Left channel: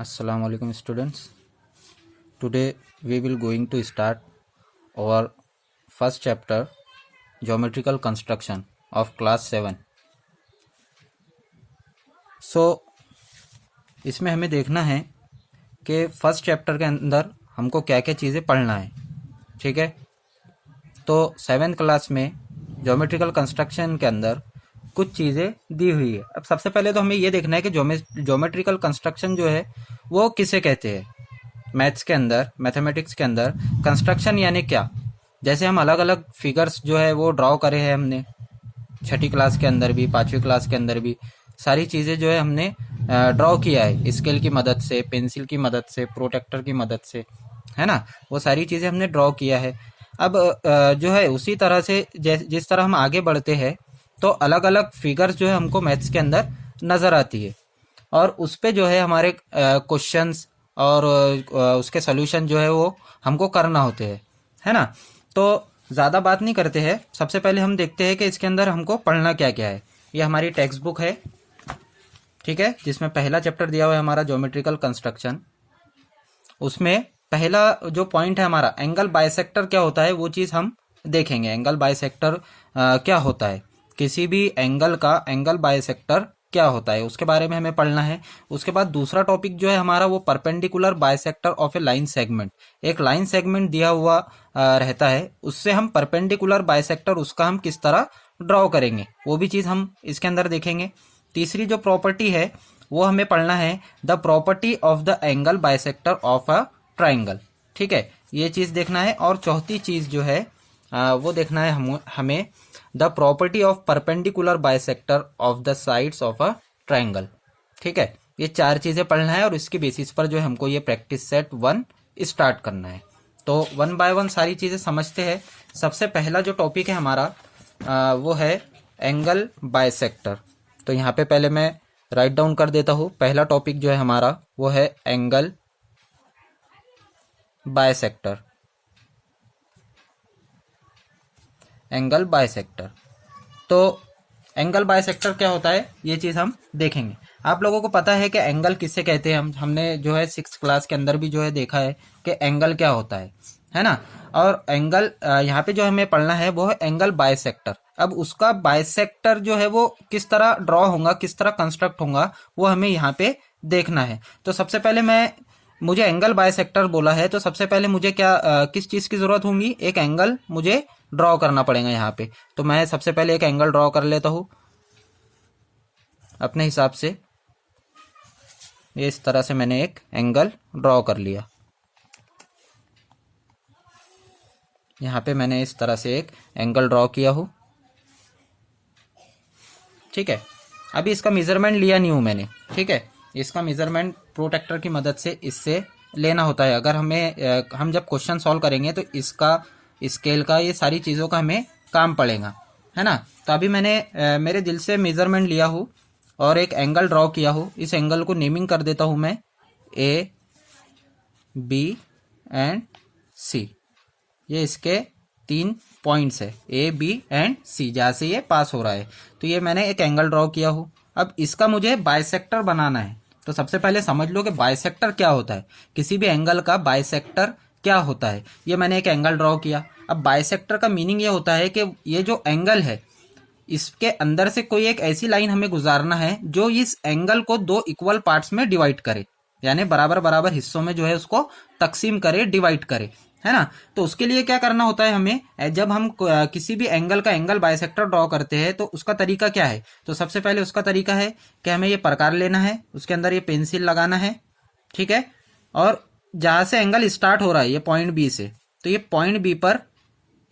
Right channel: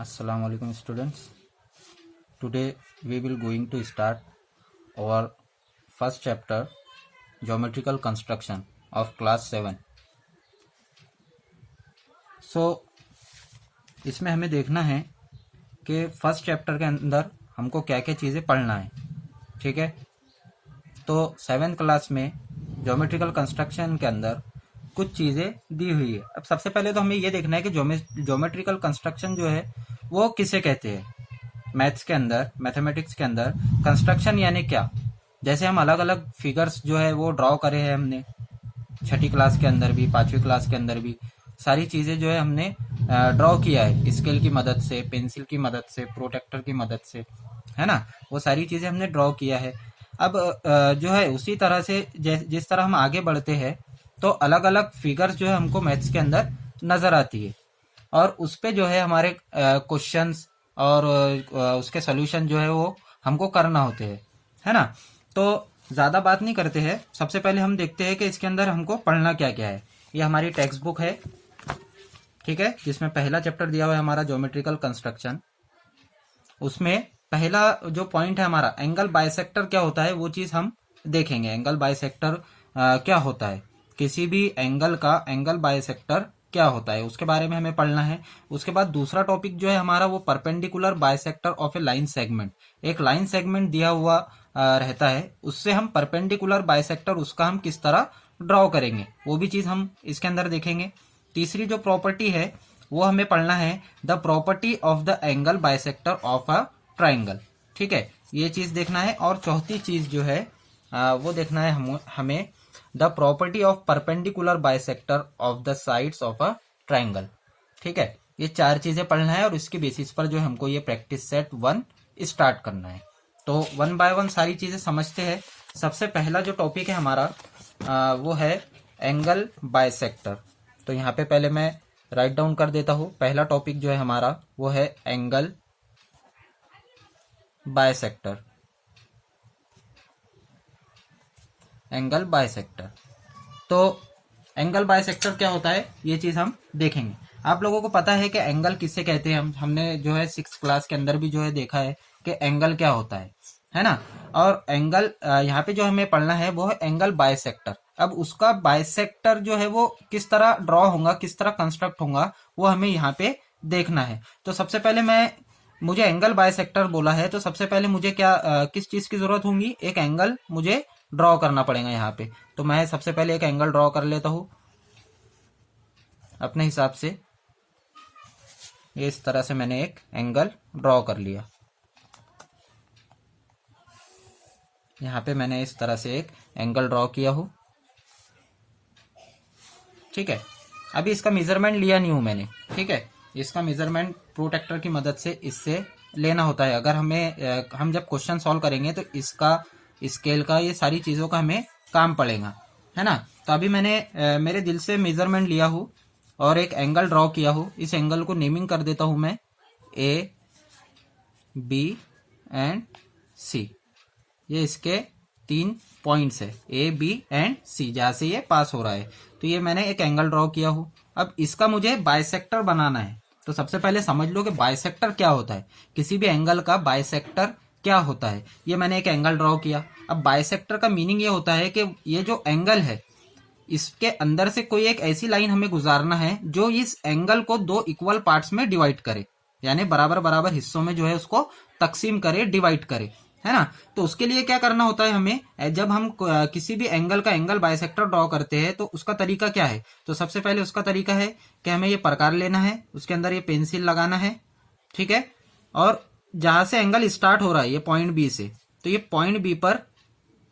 Assalamu alaikum students. Today we will going to start our first chapter geometrical construction of class 7. So इसमें हमें देखना है कि first chapter के अंदर हमको क्या क्या चीज़ें पढ़ना है. ठीक है, तो 7th क्लास में ज्योमेट्रिकल कंस्ट्रक्शन के अंदर कुछ चीज़ें दी हुई है. अब सबसे पहले तो हमें ये देखना है कि ज्योमेट्रिकल कंस्ट्रक्शन जो है वो किसे कहते हैं. मैथ्स के अंदर, मैथमेटिक्स के अंदर कंस्ट्रक्शन यानी क्या. जैसे हम अलग अलग फिगर्स जो है वो ड्रॉ करे हैं हमने छठी क्लास के अंदर भी, 5वीं क्लास के अंदर भी सारी चीज़ें जो है हमने ड्रॉ किया है स्केल की मदद से, पेंसिल की मदद से, प्रोटेक्टर की मदद से, है ना. वो सारी चीज़ें हमने ड्रॉ किया है. अब जो है उसी तरह से जिस तरह हम आगे बढ़ते हैं तो अलग अलग फिगर्स जो है हमको मैथ्स के अंदर नज़र आती है और उस पे जो है हमारे क्वेश्चंस और उसके सोल्यूशन जो है वो हमको करना होते हैं, है ना. तो ज़्यादा बात नहीं करते हैं, सबसे पहले हम देखते हैं कि इसके अंदर हमको पढ़ना क्या क्या है. ये हमारी टेक्स्ट बुक है, ठीक है, जिसमें पहला चैप्टर दिया हुआ है हमारा ज्योमेट्रिकल कंस्ट्रक्शन. उसमें पहला जो पॉइंट है हमारा एंगल बाइसेक्टर क्या होता है वो चीज़ हम देखेंगे. एंगल बाइसेक्टर क्या होता है, किसी भी एंगल का एंगल बाइसेक्टर क्या होता है उसके बारे में हमें पढ़ना है. उसके बाद दूसरा टॉपिक जो है हमारा वो perpendicular bisector of A line segment. एक लाइन सेगमेंट दिया हुआ रहता है, उससे हम परपेंडिकुलर बाइसेक्टर उसका हम किस तरह ड्रॉ करेंगे वो भी चीज़ हम इसके अंदर देखेंगे. तीसरी जो प्रॉपर्टी है वो हमें पढ़ना है the property of the angle bisector of a triangle. ठीक है, ये चीज़ देखना है. और चौथी चीज़ जो है वो देखना है हमें the property of perpendicular bisector of the sides of a triangle. ठीक है, ये चार चीज़ें पढ़ना है और इसके बेसिस पर जो है हमको ये प्रैक्टिस सेट 1 स्टार्ट करना है. तो 1 बाय 1 सारी चीज़ें समझते हैं. सबसे पहला जो टॉपिक है हमारा वो है एंगल बाइसेक्टर. तो यहाँ पे पहले मैं राइट डाउन कर देता हूँ. पहला टॉपिक जो है हमारा वो है एंगल बाइसेक्टर. एंगल बाइसेक्टर, तो एंगल बाइसेक्टर क्या होता है ये चीज़ हम देखेंगे. आप लोगों को पता है कि एंगल किससे कहते हैं. हमने जो है 6th क्लास के अंदर भी जो है देखा है कि एंगल क्या होता है ना. और एंगल यहाँ पे जो हमें पढ़ना है वो है एंगल बाइसेक्टर. अब उसका बाइसेक्टर जो है वो किस तरह ड्रॉ होगा, किस तरह कंस्ट्रक्ट होगा वो हमें यहाँ पे देखना है. तो सबसे पहले मुझे एंगल बाइसेक्टर बोला है तो सबसे पहले मुझे क्या किस चीज़ की ज़रूरत होगी, एक एंगल मुझे ड्रॉ करना पड़ेगा यहाँ पे. तो मैं सबसे पहले एक एंगल ड्रॉ कर लेता हूँ अपने हिसाब से. ये इस तरह से मैंने एक एंगल ड्रॉ कर लिया. यहाँ पे मैंने इस तरह से एक एंगल ड्रॉ किया हूँ. ठीक है, अभी इसका मेजरमेंट लिया नहीं हूँ मैंने. ठीक है, इसका मेजरमेंट प्रोटेक्टर की मदद से इससे लेना होता है. अगर हम जब क्वेश्चन सॉल्व करेंगे तो इसका, स्केल का, ये सारी चीज़ों का हमें काम पड़ेगा, है ना. तो अभी मैंने मेरे दिल से मेजरमेंट लिया हूँ और एक एंगल ड्रॉ किया हूँ. इस एंगल को नेमिंग कर देता हूँ मैं ए, बी एंड सी. ये इसके 3 पॉइंट्स है, ए, बी एंड सी, जहाँ से ये पास हो रहा है. तो ये मैंने एक एंगल ड्रॉ किया हूँ. अब इसका मुझे बाइसेक्टर बनाना है. तो सबसे पहले समझ लो कि बाइसेक्टर क्या होता है, किसी भी एंगल का बाइसेक्टर क्या होता है. ये मैंने एक एंगल ड्रॉ किया. अब बाइसेक्टर का मीनिंग ये होता है कि ये जो एंगल है इसके अंदर से कोई एक ऐसी लाइन हमें गुजारना है जो इस एंगल को 2 इक्वल पार्ट्स में डिवाइड करे, यानी बराबर बराबर हिस्सों में जो है उसको तकसीम करे, डिवाइड करे, है ना. तो उसके लिए क्या करना होता है हमें, जब हम किसी भी एंगल का एंगल बाइसेक्टर ड्रॉ करते हैं तो उसका तरीका क्या है. तो सबसे पहले उसका तरीका है कि हमें ये प्रकार लेना है, उसके अंदर ये पेंसिल लगाना है. ठीक है, और जहां से एंगल स्टार्ट हो रहा है ये पॉइंट बी से, तो ये पॉइंट बी पर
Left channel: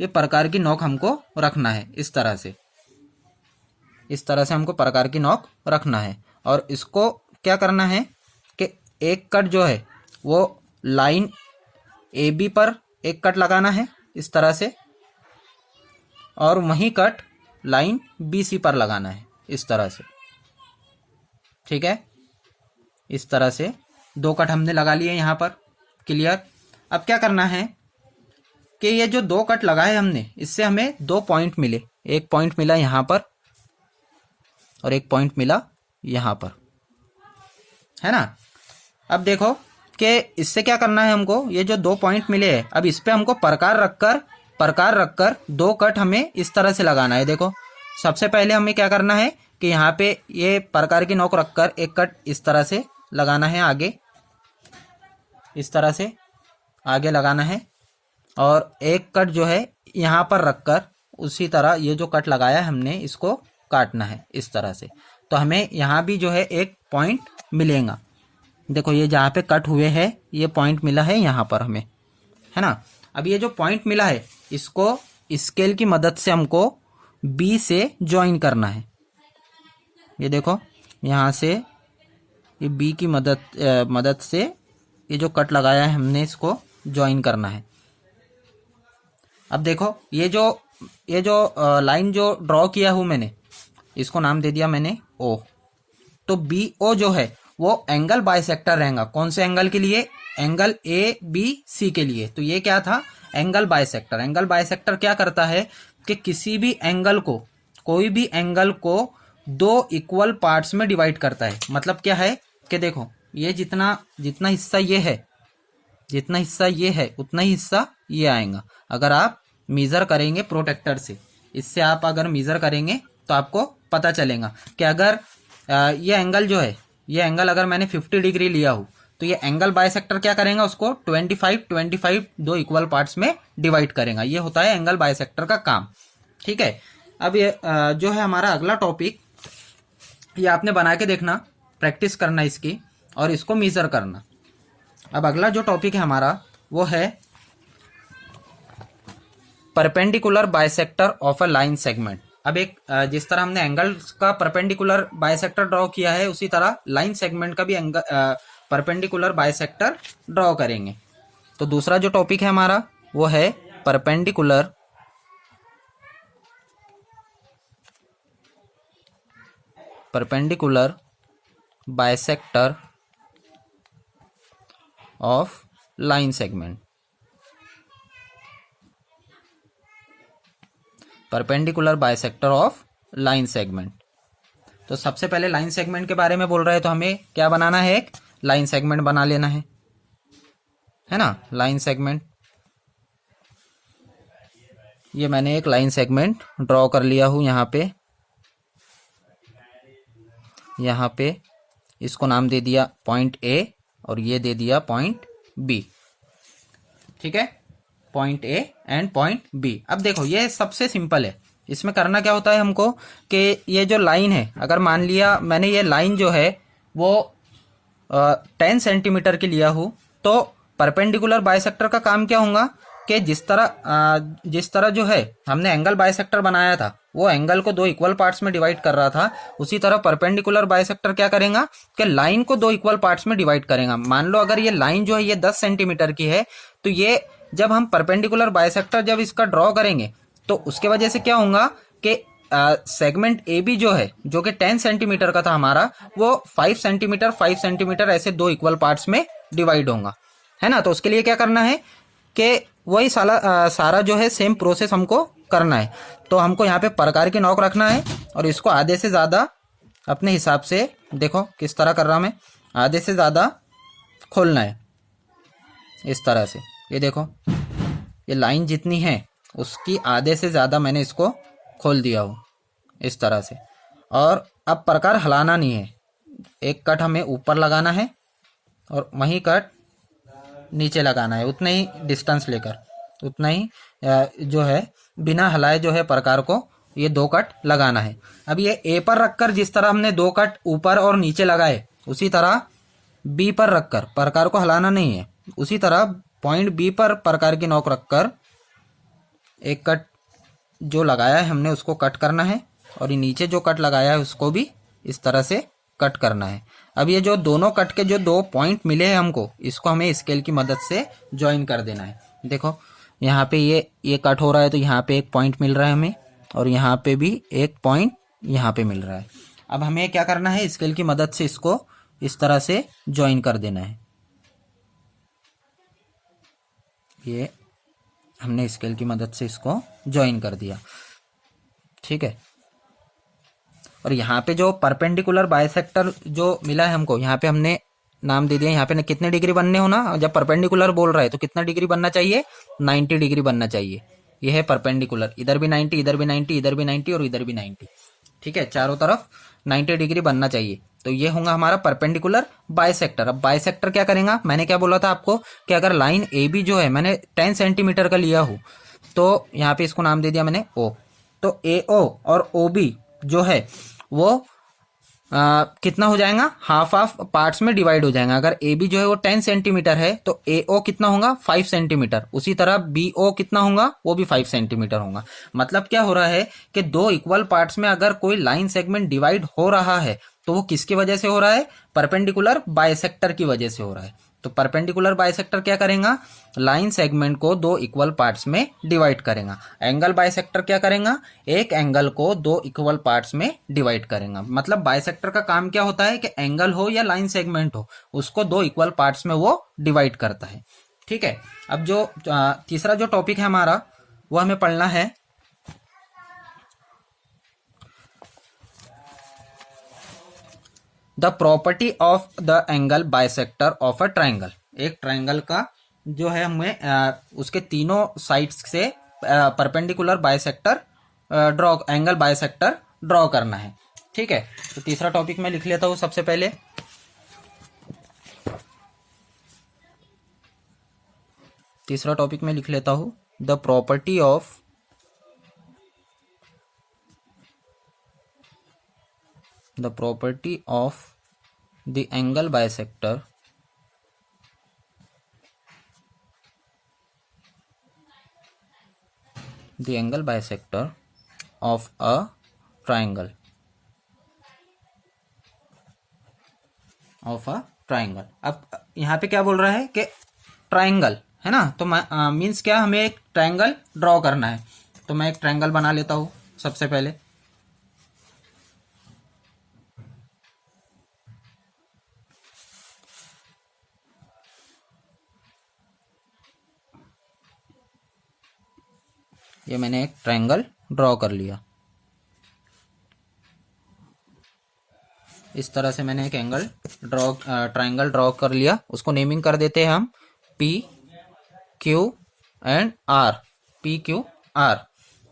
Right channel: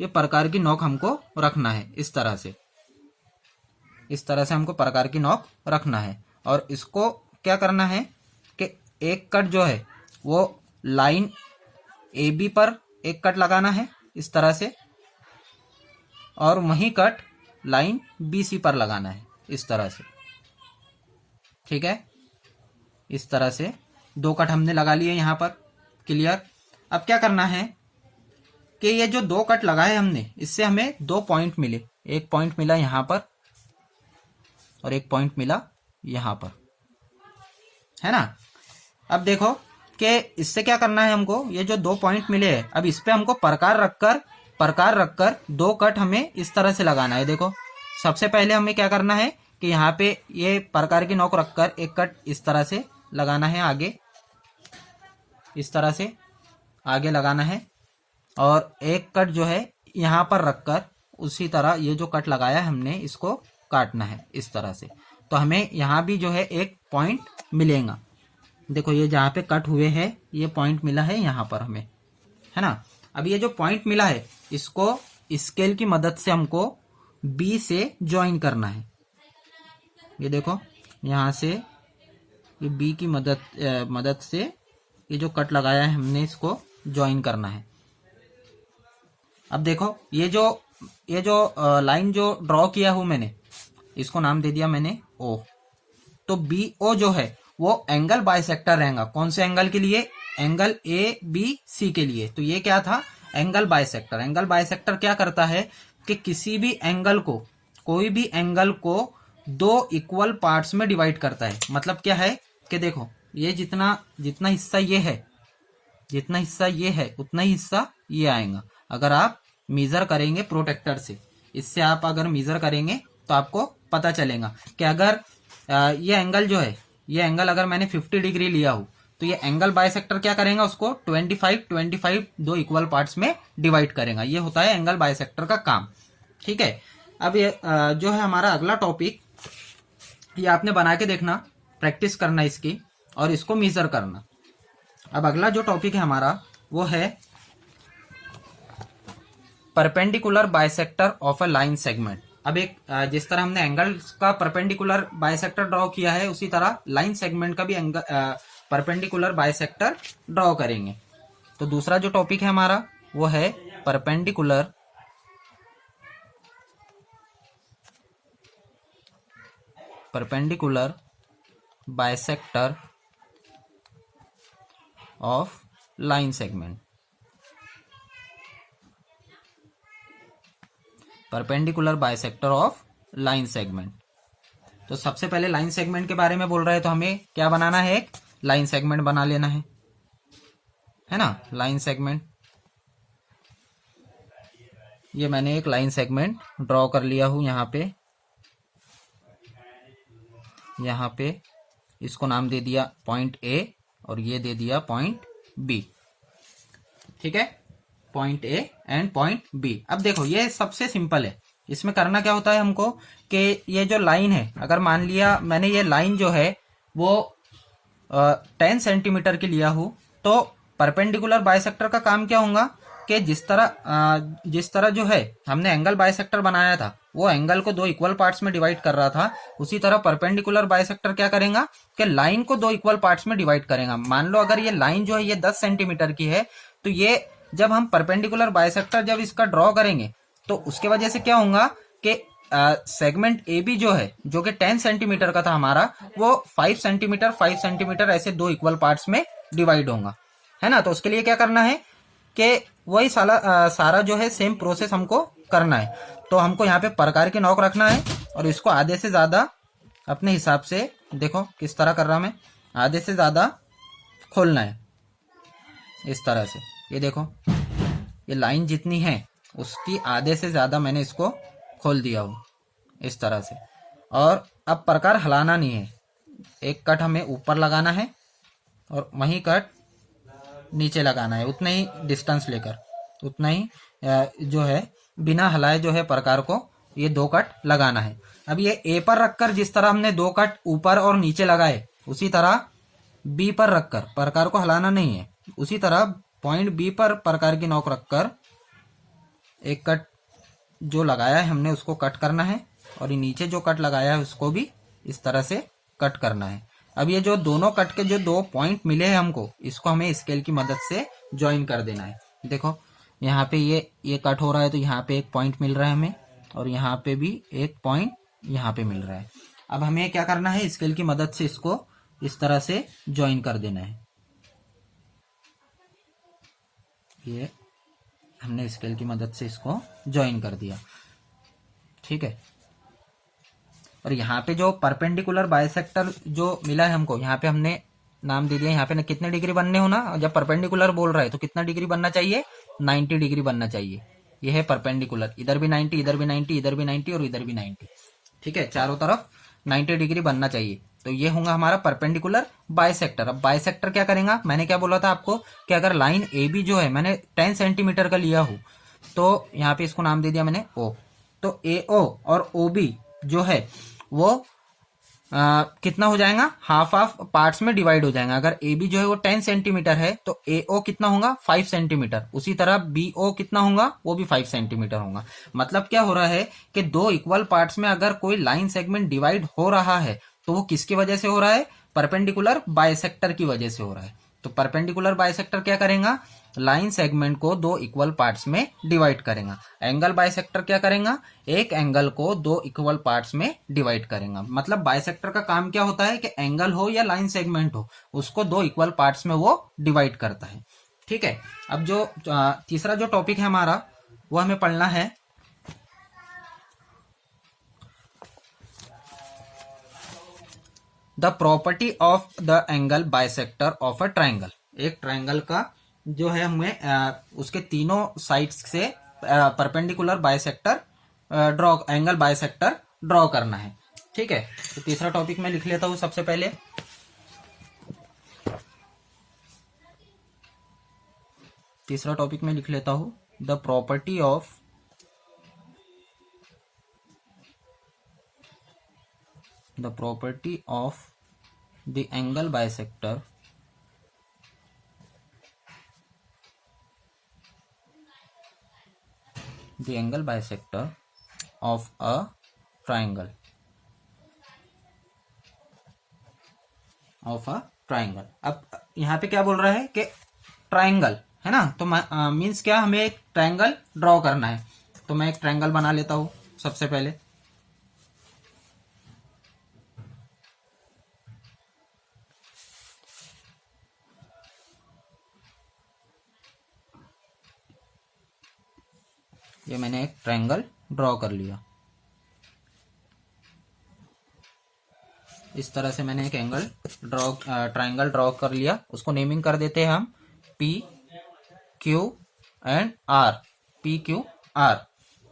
ये प्रकार की नोक हमको रखना है. इस तरह से हमको प्रकार की नोक रखना है. और इसको क्या करना है कि एक कट जो है वो लाइन ए बी पर एक कट लगाना है इस तरह से, और वहीं कट लाइन बी सी पर लगाना है इस तरह से. ठीक है, इस तरह से 2 कट हमने लगा लिए यहाँ पर. क्लियर. अब क्या करना है कि ये जो 2 कट लगाए हमने इससे हमें 2 पॉइंट मिले. एक पॉइंट मिला यहाँ पर और एक पॉइंट मिला यहाँ पर, है ना. अब देखो कि इससे क्या करना है हमको, ये जो 2 पॉइंट मिले हैं अब इस पे हमको प्रकार रखकर 2 कट हमें इस तरह से लगाना है। देखो सबसे पहले हमें क्या करना है कि यहाँ पे ये प्रकार की नोक रखकर एक कट इस तरह से लगाना है, आगे इस तरह से आगे लगाना है, और एक कट जो है यहाँ पर रखकर उसी तरह ये जो कट लगाया हमने इसको काटना है इस तरह से। तो हमें यहाँ भी जो है एक पॉइंट मिलेगा। देखो ये जहाँ पे कट हुए हैं ये पॉइंट मिला है यहाँ पर हमें, है ना। अब ये जो पॉइंट मिला है इसको स्केल की मदद से हमको बी से ज्वाइन करना है। ये देखो यहाँ से ये बी की मदद से ये जो कट लगाया है हमने इसको ज्वाइन करना है। अब देखो ये जो लाइन जो ड्रॉ किया हूं मैंने इसको नाम दे दिया मैंने ओ। तो बी ओ जो है वो एंगल बाइसेक्टर रहेगा। कौन से एंगल के लिए? एंगल ए बी सी के लिए। तो ये क्या था? Angle bisector. एंगल बाइसेक्टर क्या करता है कि किसी भी एंगल को, कोई भी एंगल को 2 इक्वल पार्ट्स में डिवाइड करता है। मतलब क्या है कि देखो ये जितना हिस्सा ये है, जितना हिस्सा ये है उतना ही हिस्सा ये आएगा। अगर आप मेजर करेंगे प्रोटेक्टर से, इससे आप अगर मेजर करेंगे तो आपको पता चलेगा कि अगर ये एंगल जो है, ये एंगल अगर मैंने 50 डिग्री लिया हो तो ये एंगल बाइसेक्टर क्या करेगा, उसको 25 2 इक्वल पार्ट्स में डिवाइड करेगा। ये होता है एंगल बाइसेक्टर का काम। ठीक है। अब ये जो है हमारा अगला टॉपिक, ये आपने बना के देखना, प्रैक्टिस करना इसकी और इसको मेजर करना। अब अगला जो टॉपिक है हमारा वो है perpendicular bisector of a line segment. अब एक जिस तरह हमने एंगल का परपेंडिकुलर बाइसेक्टर ड्रॉ किया है उसी तरह लाइन सेगमेंट का भी परपेंडिकुलर बाइसेक्टर ड्रॉ करेंगे। तो दूसरा जो टॉपिक है हमारा वो है perpendicular bisector of line segment. Perpendicular bisector of line segment. तो सबसे पहले लाइन सेगमेंट के बारे में बोल रहे हैं तो हमें क्या बनाना है, एक लाइन सेगमेंट बना लेना है ना। लाइन सेगमेंट, ये मैंने एक लाइन सेगमेंट ड्रॉ कर लिया हूं यहाँ पे इसको नाम दे दिया पॉइंट ए और ये दे दिया पॉइंट बी। ठीक है, point A and point B. अब देखो ये सबसे सिंपल है। इसमें करना क्या होता है हमको कि ये जो लाइन है, अगर मान लिया मैंने ये लाइन जो है वो 10 सेंटीमीटर की लिया हूं तो परपेंडिकुलर बाइसेक्टर का काम क्या होगा कि जिस तरह जो है हमने एंगल बाइसेक्टर बनाया था वो एंगल को 2 इक्वल पार्ट्स में डिवाइड कर रहा था, उसी तरह परपेंडिकुलर बाइसेक्टर क्या करेगा कि लाइन को 2 इक्वल पार्ट्स में डिवाइड करेगा। मान लो अगर ये लाइन जो है ये 10 सेंटीमीटर की है तो ये जब हम परपेंडिकुलर बाइसेक्टर जब इसका ड्रॉ करेंगे तो उसके वजह से क्या होगा कि सेगमेंट ए बी जो है, जो कि 10 सेंटीमीटर का था हमारा, वो 5 सेंटीमीटर ऐसे 2 इक्वल पार्ट्स में डिवाइड होगा, है ना। तो उसके लिए क्या करना है कि वही सारा जो है सेम प्रोसेस हमको करना है। तो हमको यहाँ पे प्रकार की नोक रखना है और इसको आधे से ज्यादा अपने हिसाब से, देखो किस तरह कर रहा मैं, आधे से ज्यादा खोलना है इस तरह से। ये देखो ये लाइन जितनी है उसकी आधे से ज्यादा मैंने इसको खोल दिया हूँ इस तरह से। और अब प्रकार हिलाना नहीं है, एक कट हमें ऊपर लगाना है और वही कट नीचे लगाना है, उतना ही डिस्टेंस लेकर, उतना ही जो है बिना हिलाए जो है प्रकार को ये 2 कट लगाना है। अब ये ए पर रखकर जिस तरह हमने 2 कट ऊपर और नीचे लगाए उसी तरह बी पर रखकर, प्रकार को हिलाना नहीं है, उसी तरह पॉइंट बी पर प्रकार की नोक रखकर एक कट जो लगाया है हमने उसको कट करना है और ये नीचे जो कट लगाया है उसको भी इस तरह से कट करना है। अब ये जो दोनों कट के जो 2 पॉइंट मिले हैं हमको, इसको हमें स्केल की मदद से ज्वाइन कर देना है। देखो यहाँ पे ये कट हो रहा है तो यहाँ पे एक पॉइंट मिल रहा है हमें और यहाँ पे भी एक पॉइंट यहाँ पे मिल रहा है। अब हमें क्या करना है, स्केल की मदद से इसको इस तरह से ज्वाइन कर देना है। ये हमने स्केल की मदद से इसको ज्वाइन कर दिया। ठीक है। और यहाँ पे जो परपेंडिकुलर बाइसेक्टर जो मिला है हमको, यहाँ पे हमने नाम दे दिया यहाँ पे, कितने डिग्री बनने हो ना, जब परपेंडिकुलर बोल रहा है तो कितना डिग्री बनना चाहिए, 90 डिग्री बनना चाहिए। ये है परपेंडिकुलर, इधर भी 90, इधर भी 90, इधर भी 90 और इधर भी 90। ठीक है, चारों तरफ 90 डिग्री बनना चाहिए। तो ये होगा हमारा परपेंडिकुलर बाइसेक्टर। अब बाइसेक्टर क्या करेगा, मैंने क्या बोला था आपको कि अगर लाइन ए बी जो है मैंने 10 सेंटीमीटर का लिया हो तो यहाँ पे इसको नाम दे दिया मैंने ओ। तो ए ओ और ओ बी जो है वो कितना हो जाएगा, हाफ हाफ पार्ट्स में डिवाइड हो जाएगा। अगर ए बी जो है वो 10 सेंटीमीटर है तो ए ओ कितना होगा, 5 सेंटीमीटर। उसी तरह बी ओ कितना होगा, वो भी 5 सेंटीमीटर होगा। मतलब क्या हो रहा है कि दो इक्वल पार्ट्स में अगर कोई लाइन सेगमेंट डिवाइड हो रहा है तो वो किसकी वजह से हो रहा है, परपेंडिकुलर बाइसेक्टर की वजह से हो रहा है। तो परपेंडिकुलर बाइसेक्टर क्या करेगा, लाइन सेगमेंट को दो इक्वल पार्ट्स में डिवाइड करेगा। एंगल बाइसेक्टर क्या करेगा, एक एंगल को दो इक्वल पार्ट्स में डिवाइड करेगा। मतलब बाइसेक्टर का काम क्या होता है कि एंगल हो या लाइन सेगमेंट हो उसको दो इक्वल पार्ट्स में वो डिवाइड करता है। ठीक है, अब जो तीसरा जो टॉपिक है हमारा वो हमें पढ़ना है the property of the angle bisector of a triangle. एक ट्राइंगल का जो है हमें उसके तीनों साइड्स से perpendicular bisector draw, angle bisector draw करना है। ठीक है, तो तीसरा टॉपिक मैं लिख लेता हूं सबसे पहले। तीसरा टॉपिक मैं लिख लेता हूं the property of the angle bisector the angle bisector of a triangle अब यहाँ पे क्या बोल रहा है कि ट्राइंगल है ना, तो मीन्स क्या, हमें एक ट्राइंगल ड्रॉ करना है। तो मैं एक ट्राइंगल बना लेता हूं सबसे पहले। ये मैंने एक ट्रायंगल ड्रॉ कर लिया। इस तरह से मैंने एक ट्रायंगल ड्रॉ कर लिया। उसको नेमिंग कर देते हैं हम P Q and R, P Q R.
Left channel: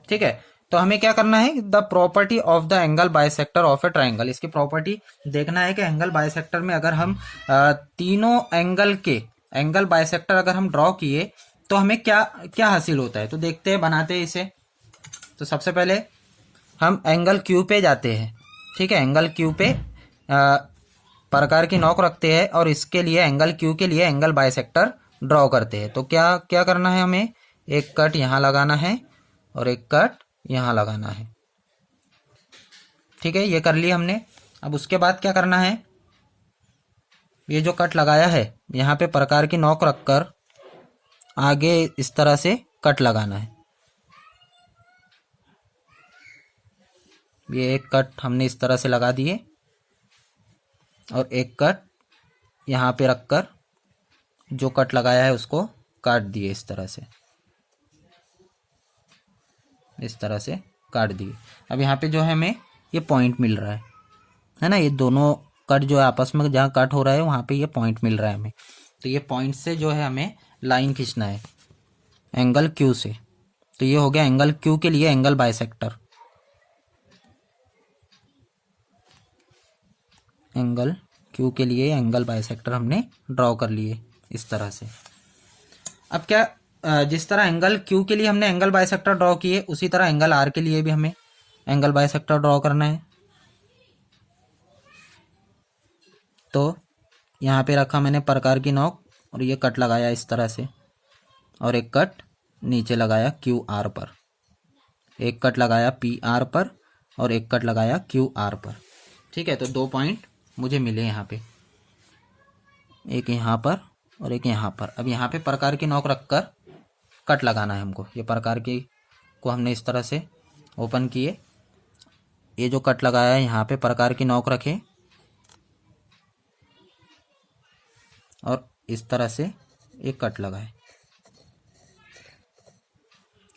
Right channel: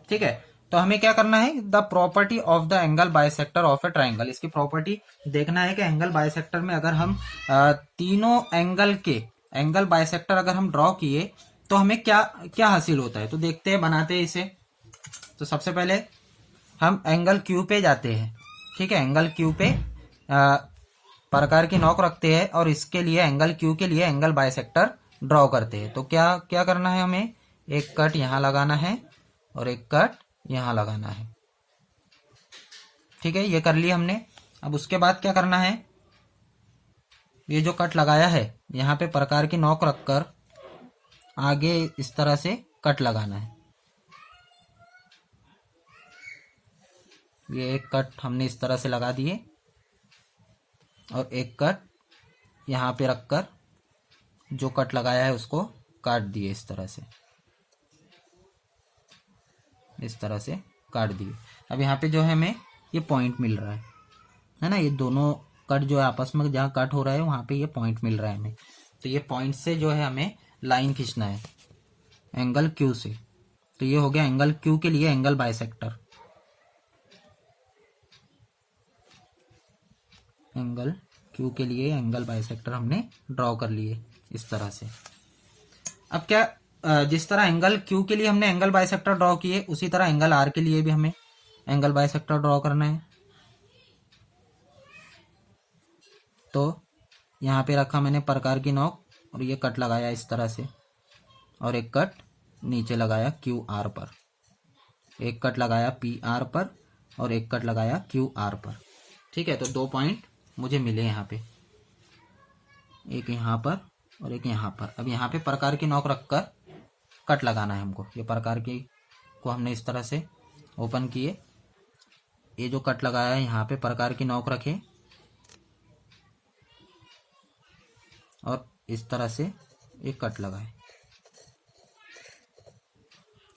ठीक है, तो हमें क्या करना है, the property of the angle bisector of a triangle. इसकी प्रॉपर्टी देखना है कि एंगल बाइसेक्टर में अगर हम तीनों एंगल के एंगल बाइसेक्टर अगर हम ड्रॉ किए तो हमें क्या क्या हासिल होता है। तो देखते हैं, बनाते हैं इसे। तो सबसे पहले हम एंगल क्यू पे जाते हैं। ठीक है, एंगल क्यू पे प्रकार की नोक रखते हैं और इसके लिए एंगल क्यू के लिए एंगल बाइसेक्टर ड्रॉ करते हैं। तो क्या क्या करना है, हमें एक कट यहाँ लगाना है और एक कट यहाँ लगाना है। ठीक है, ये कर लिया हमने। अब उसके बाद क्या करना है, ये जो कट लगाया है यहाँ पे प्रकार की नोक रखकर आगे इस तरह से कट लगाना है। ये एक कट हमने इस तरह से लगा दिए और एक कट यहाँ पे रखकर जो कट लगाया है उसको काट दिए इस तरह से, इस तरह से काट दिए। अब यहाँ पे जो है हमें ये पॉइंट मिल रहा है ना, ये दोनों कट जो है आपस में जहाँ कट हो रहा है वहाँ पे ये पॉइंट मिल रहा है हमें। तो ये पॉइंट से जो है हमें लाइन खींचना है एंगल क्यू से। तो ये हो गया एंगल क्यू के लिए एंगल बाइसेक्टर, एंगल क्यू के लिए एंगल बाइसेक्टर हमने ड्रॉ कर लिए इस तरह से। अब क्या, जिस तरह एंगल क्यू के लिए हमने एंगल बाइसेक्टर ड्रॉ किए उसी तरह एंगल आर के लिए भी हमें एंगल बाइसेक्टर ड्रॉ करना है। तो यहाँ पे रखा मैंने प्रकार की नोक और ये कट लगाया इस तरह से और एक कट नीचे लगाया क्यू आर पर, एक कट लगाया पी आर पर और एक कट लगाया क्यू आर पर। ठीक है, तो दो पॉइंट मुझे मिले यहाँ पे, एक यहाँ पर और एक यहाँ पर। अब यहाँ पे प्रकार की नोक रखकर कट लगाना है हमको। ये प्रकार की को हमने इस तरह से ओपन किए, ये जो कट लगाया है यहाँ पे प्रकार की नोक रखे और इस तरह से एक कट लगाए।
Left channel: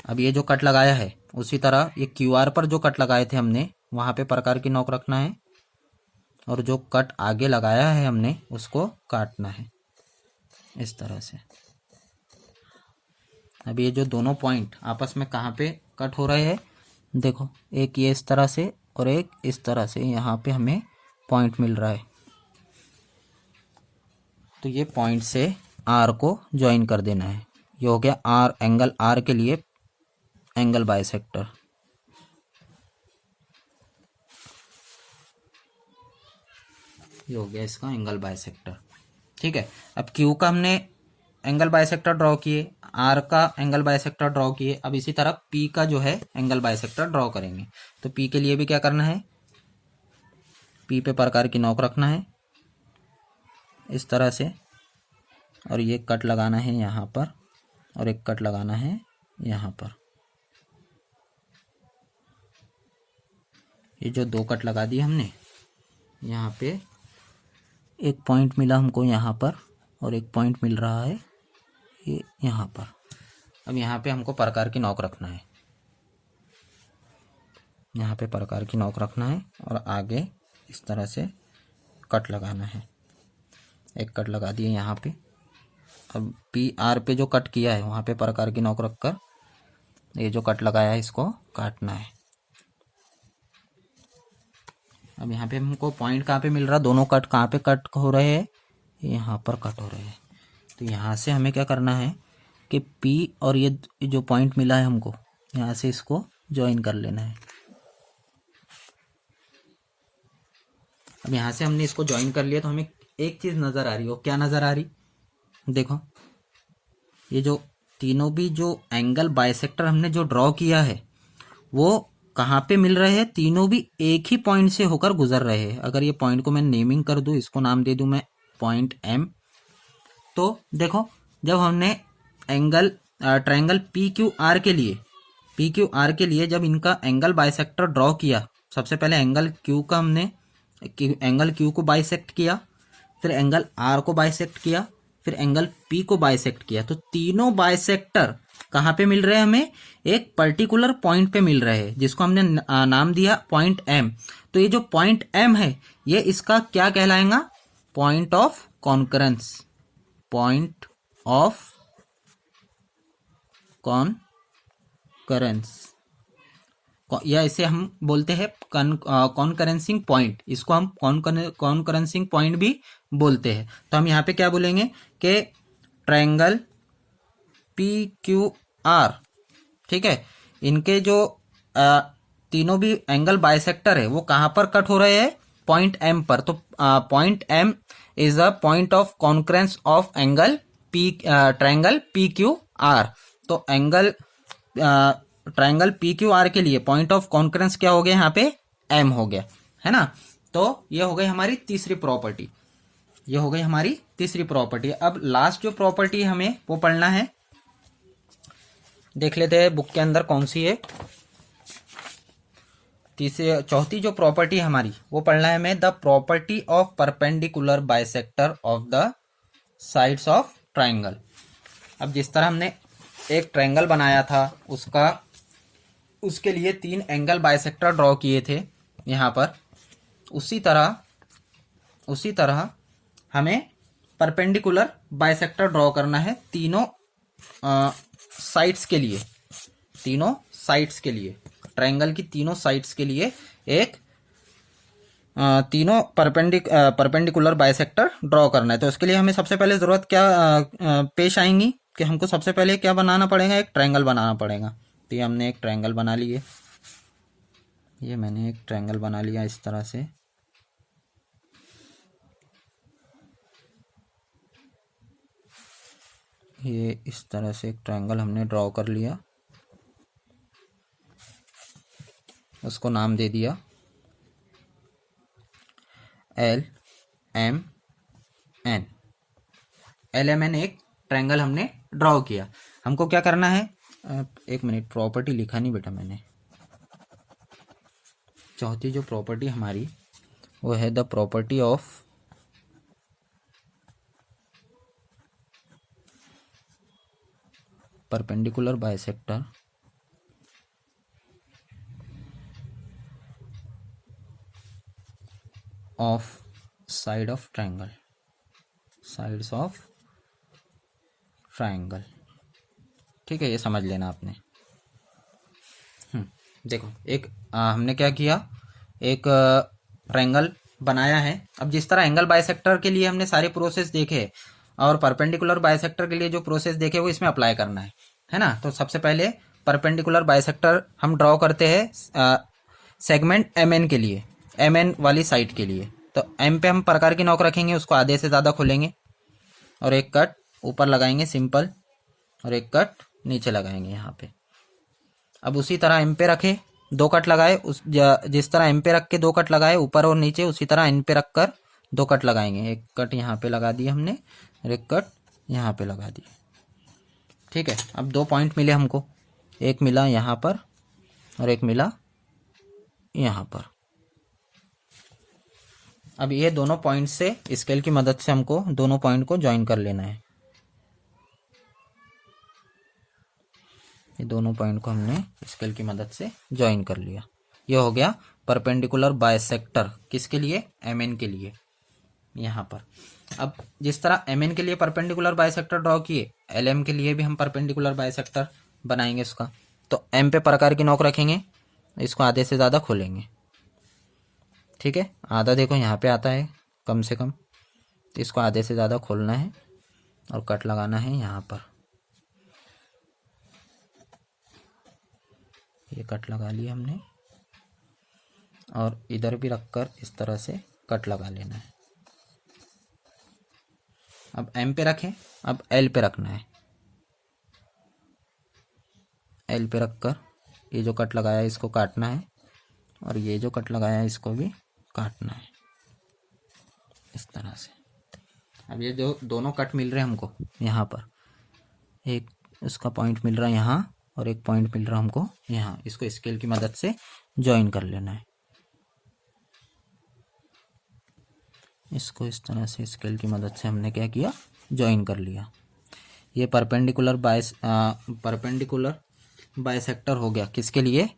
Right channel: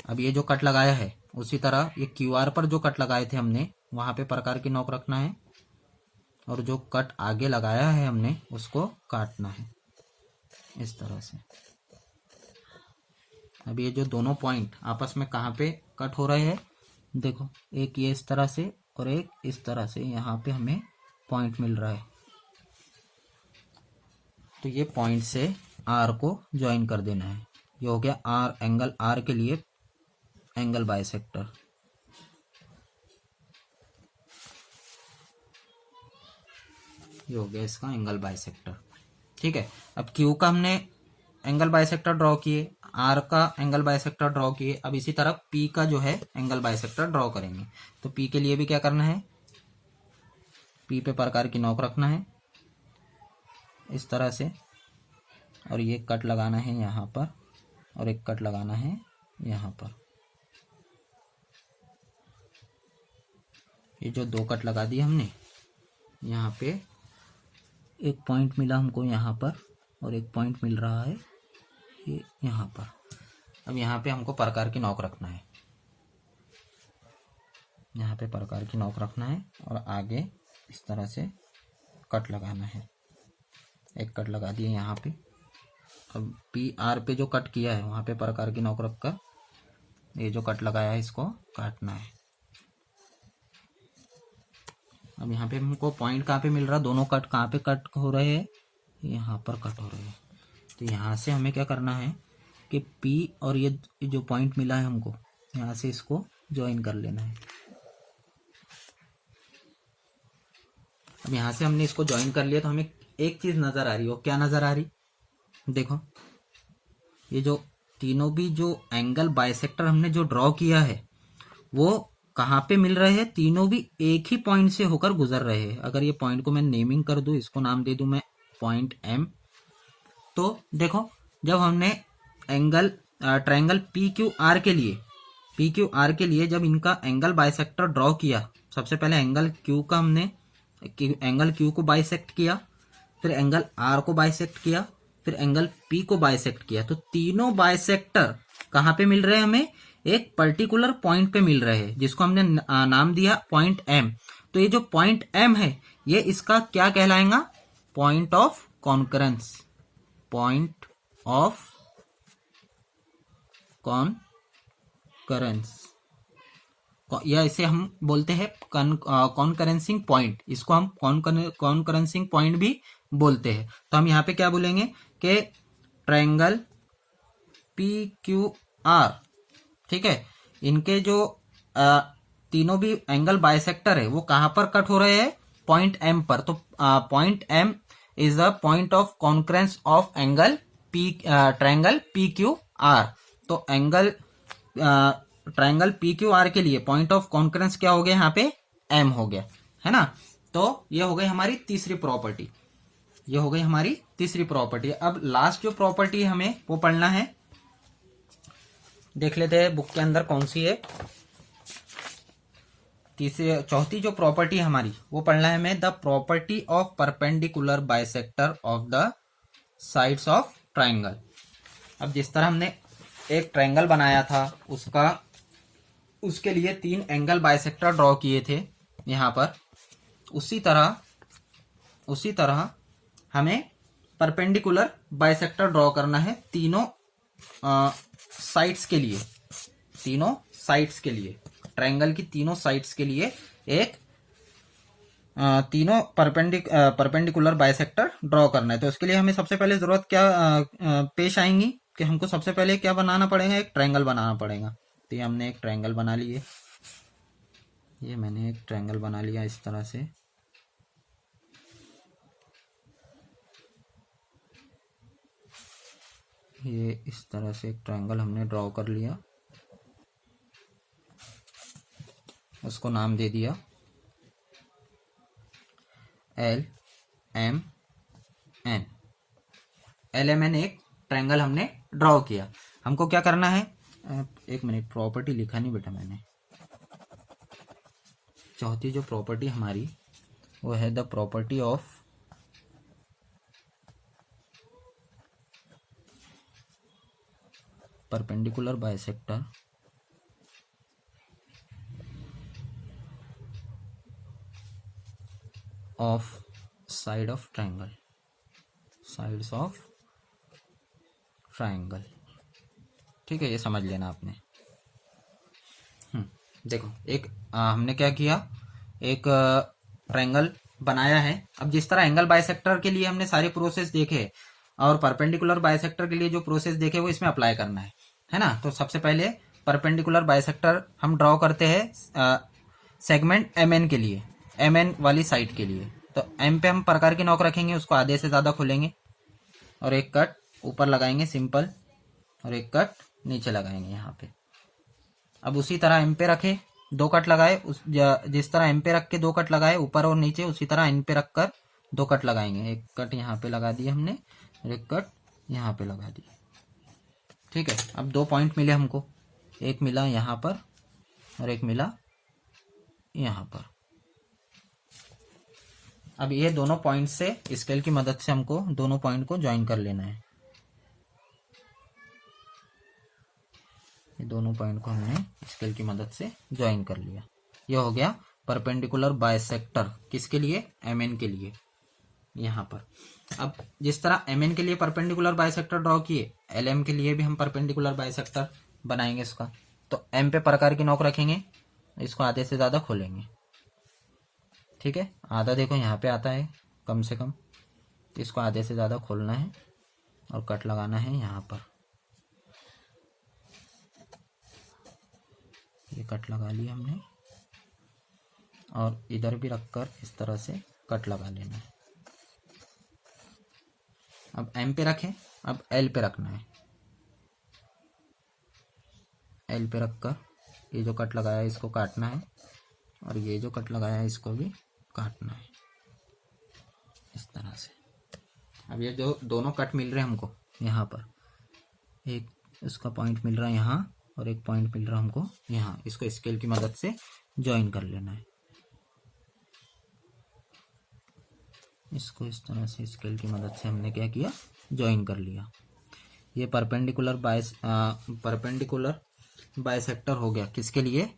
अब ये जो कट लगाया है उसी तरह ये क्यू आर पर जो कट लगाए थे हमने वहाँ पे प्रकार की नोक रखना है और जो कट आगे लगाया है हमने उसको काटना है इस तरह से। अब ये जो दोनों पॉइंट आपस में कहाँ पे कट हो रहे हैं, देखो एक ये इस तरह से और एक इस तरह से, यहाँ पे हमें पॉइंट मिल रहा है। तो ये पॉइंट से आर को ज्वाइन कर देना है। ये हो गया आर, एंगल आर के लिए एंगल बाइसेक्टर। ये हो गया इसका एंगल बाइसेक्टर। ठीक है, अब क्यू का हमने एंगल बाइसेक्टर ड्रॉ किए, आर का एंगल बाइसेक्टर ड्रॉ किए। अब इसी तरह पी का जो है एंगल बाइसेक्टर ड्रॉ करेंगे। तो पी के लिए भी क्या करना है, पी पे प्रकार की नोक रखना है इस तरह से, और ये कट लगाना है यहाँ पर, और एक कट लगाना है यहाँ पर। ये जो दो कट लगा दिए हमने, यहाँ पे एक पॉइंट मिला हमको यहाँ पर, और एक पॉइंट मिल रहा है ये यहाँ पर। अब यहाँ पे हमको प्रकार की नोक रखना है, यहाँ पे प्रकार की नोक रखना है, और आगे इस तरह से कट लगाना है। एक कट लगा दिए यहाँ पे। अब पी आर पे जो कट किया है वहाँ पे प्रकार की नोक रखकर ये जो कट लगाया है इसको काटना है। अब यहाँ पे हमको पॉइंट कहाँ पे मिल रहा है, दोनों कट कहाँ पे कट हो रहे हैं, यहाँ पर कट हो रहे हैं। तो यहाँ से हमें क्या करना है कि P और ये जो पॉइंट मिला है हमको, यहाँ से इसको ज्वाइन कर लेना है। अब यहाँ से हमने इसको ज्वाइन कर लिया तो हमें एक चीज़ नज़र आ रही हो, क्या नज़र आ रही, देखो ये जो तीनों भी जो एंगल बाइसेक्टर हमने जो ड्रॉ किया है वो कहाँ पे मिल रहे हैं, तीनों भी एक ही पॉइंट से होकर गुजर रहे हैं। अगर ये पॉइंट को मैं नेमिंग कर दूं, इसको नाम दे दूं मैं पॉइंट M, तो देखो जब हमने एंगल ट्रायंगल PQR के लिए जब इनका एंगल बाइसेक्टर ड्रॉ किया, सबसे पहले एंगल Q को बाइसेक्ट किया, फिर एंगल R को बाइसेक्ट किया, फिर एंगल P को बाइसेक्ट किया। तो तीनों बाइसेक्टर कहाँ पे मिल रहे हैं, हमें एक पर्टिकुलर पॉइंट पे मिल रहे हैं जिसको हमने नाम दिया पॉइंट M। तो ये जो पॉइंट M है ये इसका क्या कहलाएगा, point of concurrence, point of concurrence, या इसे हम बोलते हैं कॉन्करेंसिंग पॉइंट, इसको हम कॉन्करेंसिंग पॉइंट भी बोलते हैं। तो हम यहाँ पे क्या बोलेंगे कि ट्रायंगल PQR, ठीक है, इनके जो तीनों भी एंगल बाइसेक्टर है वो कहाँ पर कट हो रहे हैं, पॉइंट M पर। तो point M is a point of concurrence of angle triangle PQR। तो एंगल ट्रायंगल PQR के लिए पॉइंट ऑफ कॉन्करेंस क्या हो गया, यहाँ पे M हो गया, है ना। तो ये हो गई हमारी तीसरी प्रॉपर्टी, ये हो गई हमारी तीसरी प्रॉपर्टी। अब लास्ट जो प्रॉपर्टी हमें वो पढ़ना है, देख लेते हैं बुक के अंदर कौन सी है। चौथी जो प्रॉपर्टी हमारी वो पढ़ना है हमें, the property of perpendicular bisector of the sides of triangle. अब जिस तरह हमने एक ट्रायंगल बनाया था उसके लिए 3 एंगल बाइसेक्टर ड्रॉ किए थे यहाँ पर, उसी तरह हमें परपेंडिकुलर बाइसेक्टर ड्रॉ करना है तीनों साइड्स के लिए, ट्रायंगल की तीनों साइड्स के लिए एक तीनों परपेंडिकुलर बाइसेक्टर ड्रॉ करना है। तो इसके लिए हमें सबसे पहले जरूरत क्या पेश आएंगी कि हमको सबसे पहले क्या बनाना पड़ेगा, एक ट्रायंगल बनाना पड़ेगा। तो ये हमने एक ट्रायंगल बना लिए, ये मैंने एक ट्रायंगल बना लिया इस तरह से। ये इस तरह से एक ट्रायंगल हमने ड्रॉ कर लिया, उसको नाम दे दिया LMN। LMN एक ट्रायंगल हमने ड्रॉ किया। हमको क्या करना है, एक मिनट, प्रॉपर्टी लिखा नहीं बेटा मैंने। चौथी जो प्रॉपर्टी हमारी वो है the property of perpendicular bisector of side of triangle, sides of triangle. ठीक है, ये समझ लेना आपने। देखो एक हमने क्या किया, एक ट्रायंगल बनाया है। अब जिस तरह एंगल बाइसेक्टर के लिए हमने सारे प्रोसेस देखे और परपेंडिकुलर बाइसेक्टर के लिए जो प्रोसेस देखे वो इसमें अप्लाई करना है ना। तो सबसे पहले परपेंडिकुलर बाइसेक्टर हम ड्रॉ करते हैं सेगमेंट एम एन के लिए, एम एन वाली साइड के लिए। तो एम पे हम प्रकार की नोक रखेंगे, उसको आधे से ज़्यादा खोलेंगे और एक कट ऊपर लगाएंगे सिंपल, और एक कट नीचे लगाएंगे यहाँ पे। अब उसी तरह एम पे रखे, दो कट लगाए, उस जिस तरह एम पे रख के दो कट लगाए ऊपर और नीचे, उसी तरह एन पे रख कर दो कट लगाएंगे। एक कट यहाँ पे लगा दिए हमने और एक कट यहाँ पे लगा दिए। ठीक है, अब दो पॉइंट मिले हमको, एक मिला यहाँ पर और एक मिला यहाँ पर। अब ये दोनों पॉइंट से स्केल की मदद से हमको दोनों पॉइंट को ज्वाइन कर लेना है। ये दोनों पॉइंट को हमने स्केल की मदद से ज्वाइन कर लिया। ये हो गया परपेंडिकुलर बाइसेक्टर, किसके लिए, एम एन के लिए यहाँ पर। अब जिस तरह एम एन के लिए परपेंडिकुलर बाइसेक्टर ड्रॉ किए, एल एम के लिए भी हम परपेंडिकुलर बाइसेक्टर बनाएंगे इसका। तो एम पे प्रकार की नोक रखेंगे, इसको आधे से ज़्यादा खोलेंगे। ठीक है, आधा देखो यहाँ पे आता है कम से कम, तो इसको आधे से ज़्यादा खोलना है और कट लगाना है यहाँ पर। ये कट लगा लिया हमने और इधर भी रखकर इस तरह से कट लगा लेना है। अब एम पे रखें, अब एल पे रखना है। एल पे रखकर ये जो कट लगाया है इसको काटना है और ये जो कट लगाया है इसको भी काटना है इस तरह से। अब ये जो दोनों कट मिल रहे हैं हमको यहाँ पर, एक उसका पॉइंट मिल रहा है यहाँ और एक पॉइंट मिल रहा है हमको यहाँ, इसको स्केल की मदद से ज्वाइन कर लेना है। इसको इस तरह से स्केल की मदद से हमने क्या किया, ज्वाइन कर लिया। ये परपेंडिकुलर बाइसेक्टर हो गया, किसके लिए,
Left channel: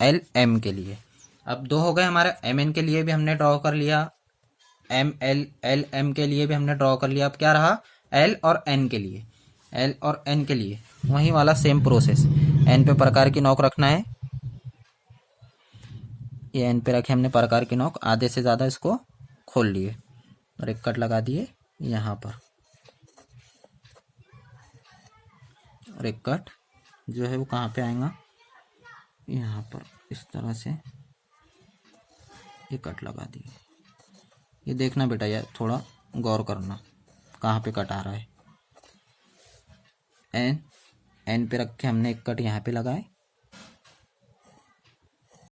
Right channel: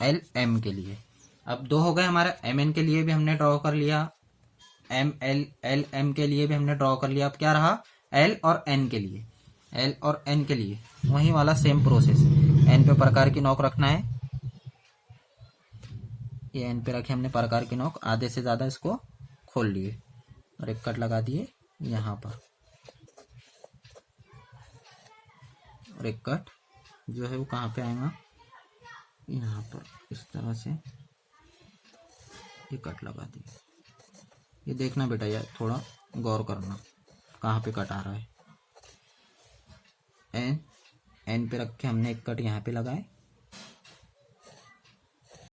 एल एम के लिए। अब दो हो गए हमारे, एम एन के लिए भी हमने ड्रॉ कर लिया, एम एल एल एम के लिए भी हमने ड्रॉ कर लिया। अब क्या रहा, एल और एन के लिए, एल और एन के लिए वही वाला सेम प्रोसेस। एन पे प्रकार की नोक रखना है, ये एन पे रखे हमने प्रकार की नोक, आधे से ज़्यादा इसको खोल लिए और एक कट लगा दिए यहाँ पर, और एक कट जो है वो कहाँ पे आएगा, यहाँ पर इस तरह से ये कट लगा दिए। ये देखना बेटा यार, थोड़ा गौर करना कहाँ पे कट आ रहा है। एन पे रख के हमने एक कट यहाँ पे लगाए